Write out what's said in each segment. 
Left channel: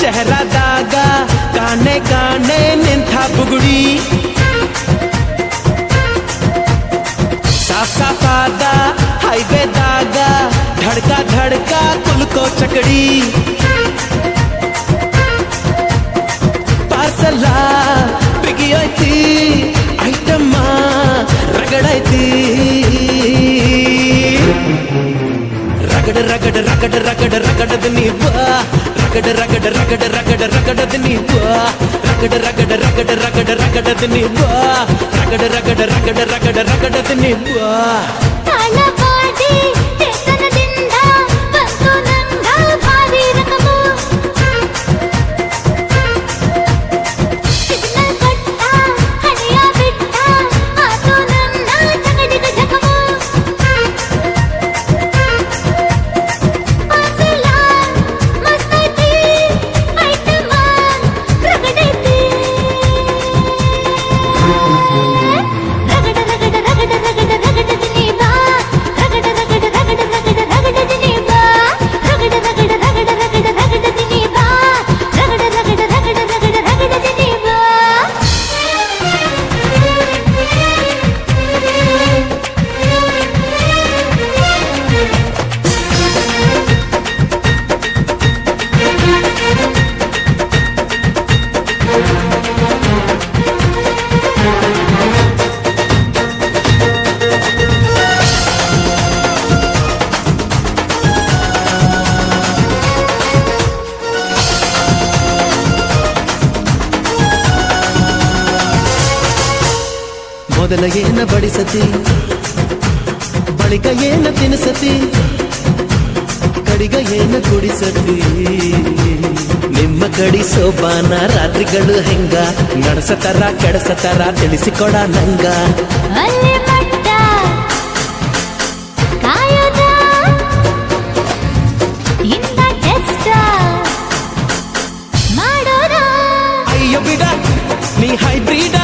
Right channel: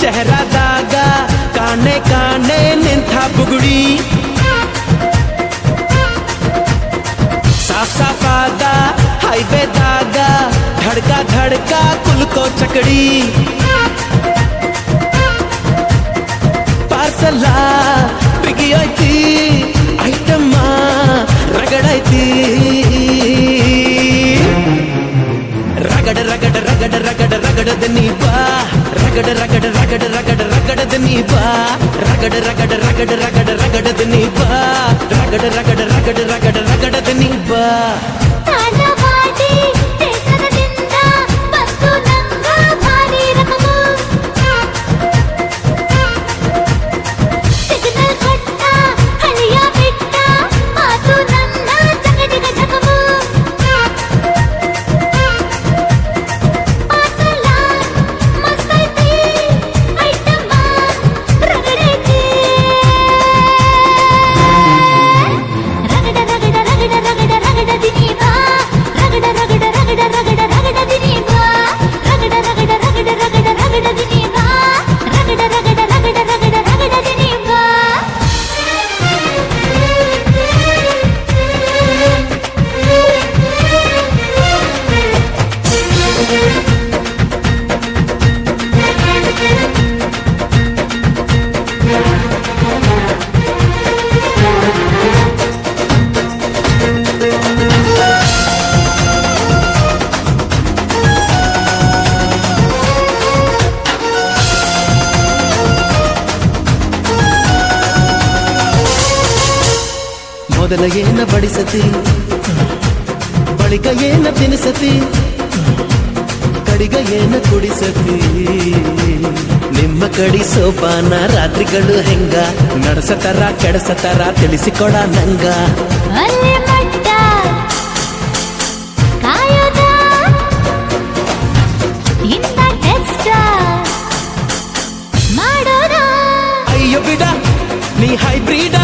ಶಹರದಾಗ ಕಾಣೆ ಕಾಣೆ ನಿಂಥ ಬುಗುಡಿ ಸಾಫ್ ಸಾಫಾದ ಹೈವೇದಾಗ ಧಡ್ಕ ಧಡ್ಕ ಕುಲ್ಕೋ ಚಕಡಿ ಪಾರ್ಸಲ ಬಿಗಿಯೈತಿ ಐಟಮ್ಮ ರಗಡೈತಿ ರಗಡ ರಗಡ ರಗಡ ರಗಡ ರಗಡದ ನೀಪ ರಗಡ ರಗಡ ರಗಡ ರಗಡ ರಗಡದ ನೀಪ ರಗಡ ರಗಡ ರಗಡ ರಗಡ ರಗಡದ ನೀಪ ರಗಡ ರಗಡ ರಗಡ ರಗಡ ರಗಡದ ನೀಪ ಮೊದಲ ಏನ ಬಡಿಸತಿ ಬಳಿಕ ಏನ ತಿನಿಸತಿ ಕಡಿಗ ಏನ ಕುಡಿಸತಿ ನಿಮ್ಮ ಕಡಿ ಸೋಪಾನ ರಾತ್ರಿಗಳು ಹೆಂಗ ನಡೆಸತರ ಕೆಡಸತರ ತಿಳಿಸಿಕೊಡ ನಂಗ ಅಲ್ಲಿ ಮಟ್ಟ ಕಾಯೋದ ಇಂದ ಟೆಸ್ಟ್ ಮಾಡೋದ ಅಯ್ಯೋ ಬಿಡ ನೀ ಹೈಬ್ರಿಡ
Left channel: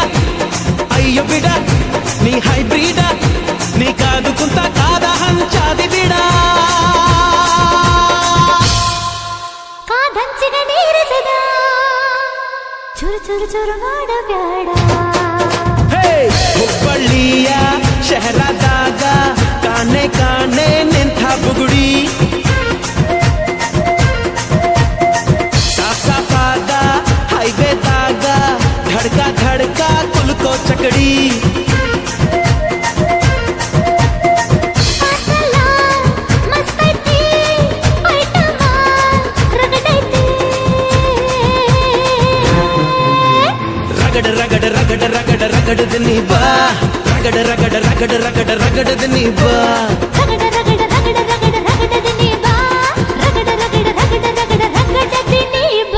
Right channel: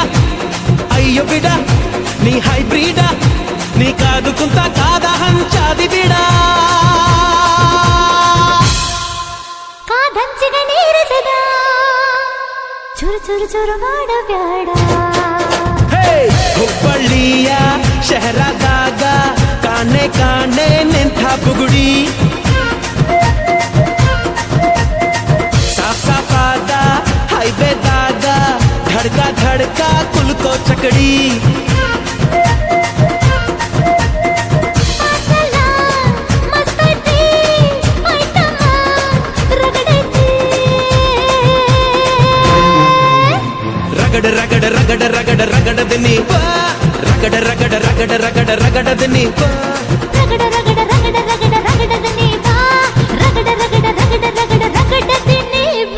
ಅಯ್ಯೋ ಬಿಡ ನೀ ಹೈಬ್ರಿಡ ನೀ ಕಾದು ಕುಂತ ಕಾದ ಹಂಚಾದಿ ಬಿಡ ಕಾದಂಚಿಗೆ ನೀರಿಸದ ಚುರು ಚುರು ಚುರು ಮಾಡಬ್ಯಾಡ ಹುಬ್ಬಳ್ಳಿಯ ಶಹರದಾಗ ಕಾಣೆ ಕಾಣೆ ನಿಂಥ ಬುಗುಡಿ ಸಾಫ್ ಸಾಫಾದ ಹೈವೇದಾಗ ಧಡ್ಕ ಧಡ್ಕ ಕುಲ್ಕೋ ಚಕಡಿ ರಗಡ ರಗಡ ರಗಡ ರಗಡ ರಗಡದ ನೀಪ ರಗಡ ರಗಡ ರಗಡ ರಗಡ ರಗಡದ ನೀಪ ರಗಡ ರಗಡ ರಗಡ ರಗಡ ರಗಡದ ನೀಪ ರಗಡ ರಗಡ ರಗಡ ರಗಡ ರಗಡದ ನೀಪ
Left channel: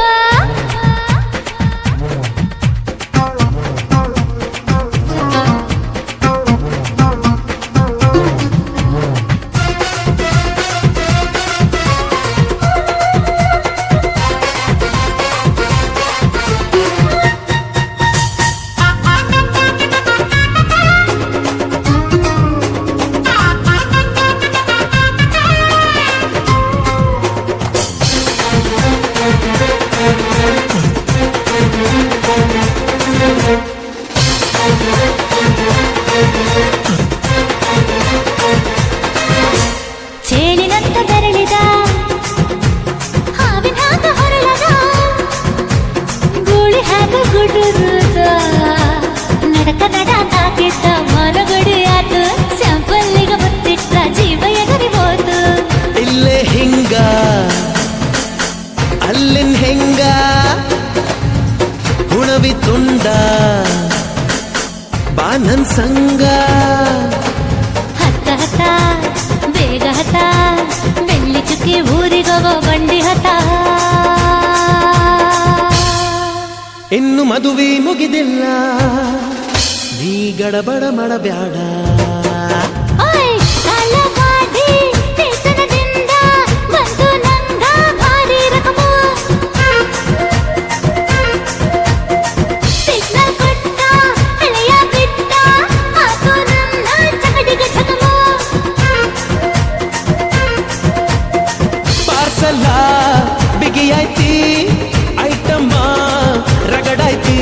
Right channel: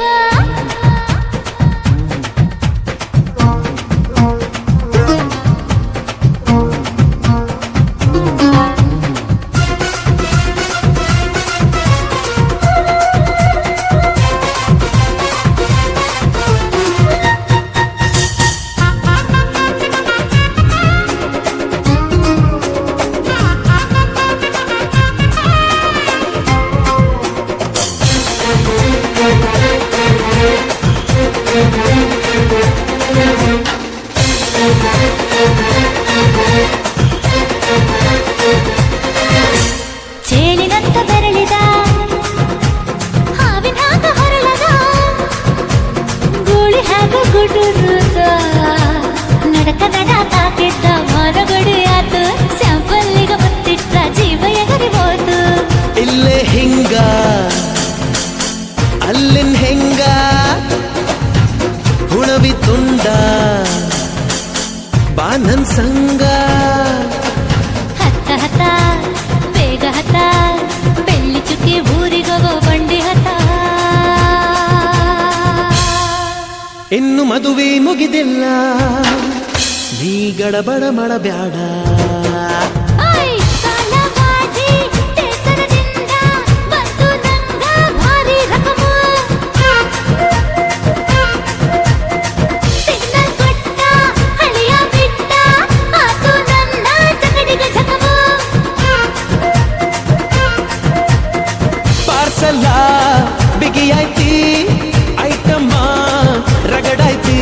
ಚೇಳಿನಂತ ಬೆರಳಿದ ಹಾವಿನ ಹಾಕ ಹೊರಳದ ಗೂಳಿ ಹಾಕ ಗುಡುರುದ ನಡಕ ನಡ ತಾಕಿದ್ದ ಮರಗಡಿ ಆತು ಸ್ಯಾಂಪಲ್ಲಿಗ ಮುತ್ತಿಟ್ಟ ಜೀವ ಎಗರಿ ಹೋತು ಇಲ್ಲೇ ಹಿಂಗ ಅಲ್ಲಿನ್ ಹೆಂಗ ಹುಣವಿ ತುಂಡ ಬಾನನ್ ಸಂಗ ಹತ್ತ ಹತ್ತ ಬೇಗ ಹತ್ತ ಬೆಳ್ಳಿ ಚುಕ್ಕಿ ಊರಿಗೋಗೋ ಬಂಡಿ ಹತ್ತ ಇನ್ನು ಮದುವೆ ಮುಗಿದಿಲ್ಲ ನೀ ಗಡಬಡ ಮಾಡಬ್ಯಾಡ ಪಾರ್ಸಲ ಬಿಗಿಯೈತಿ ರಗಡಾಯ್ತಿ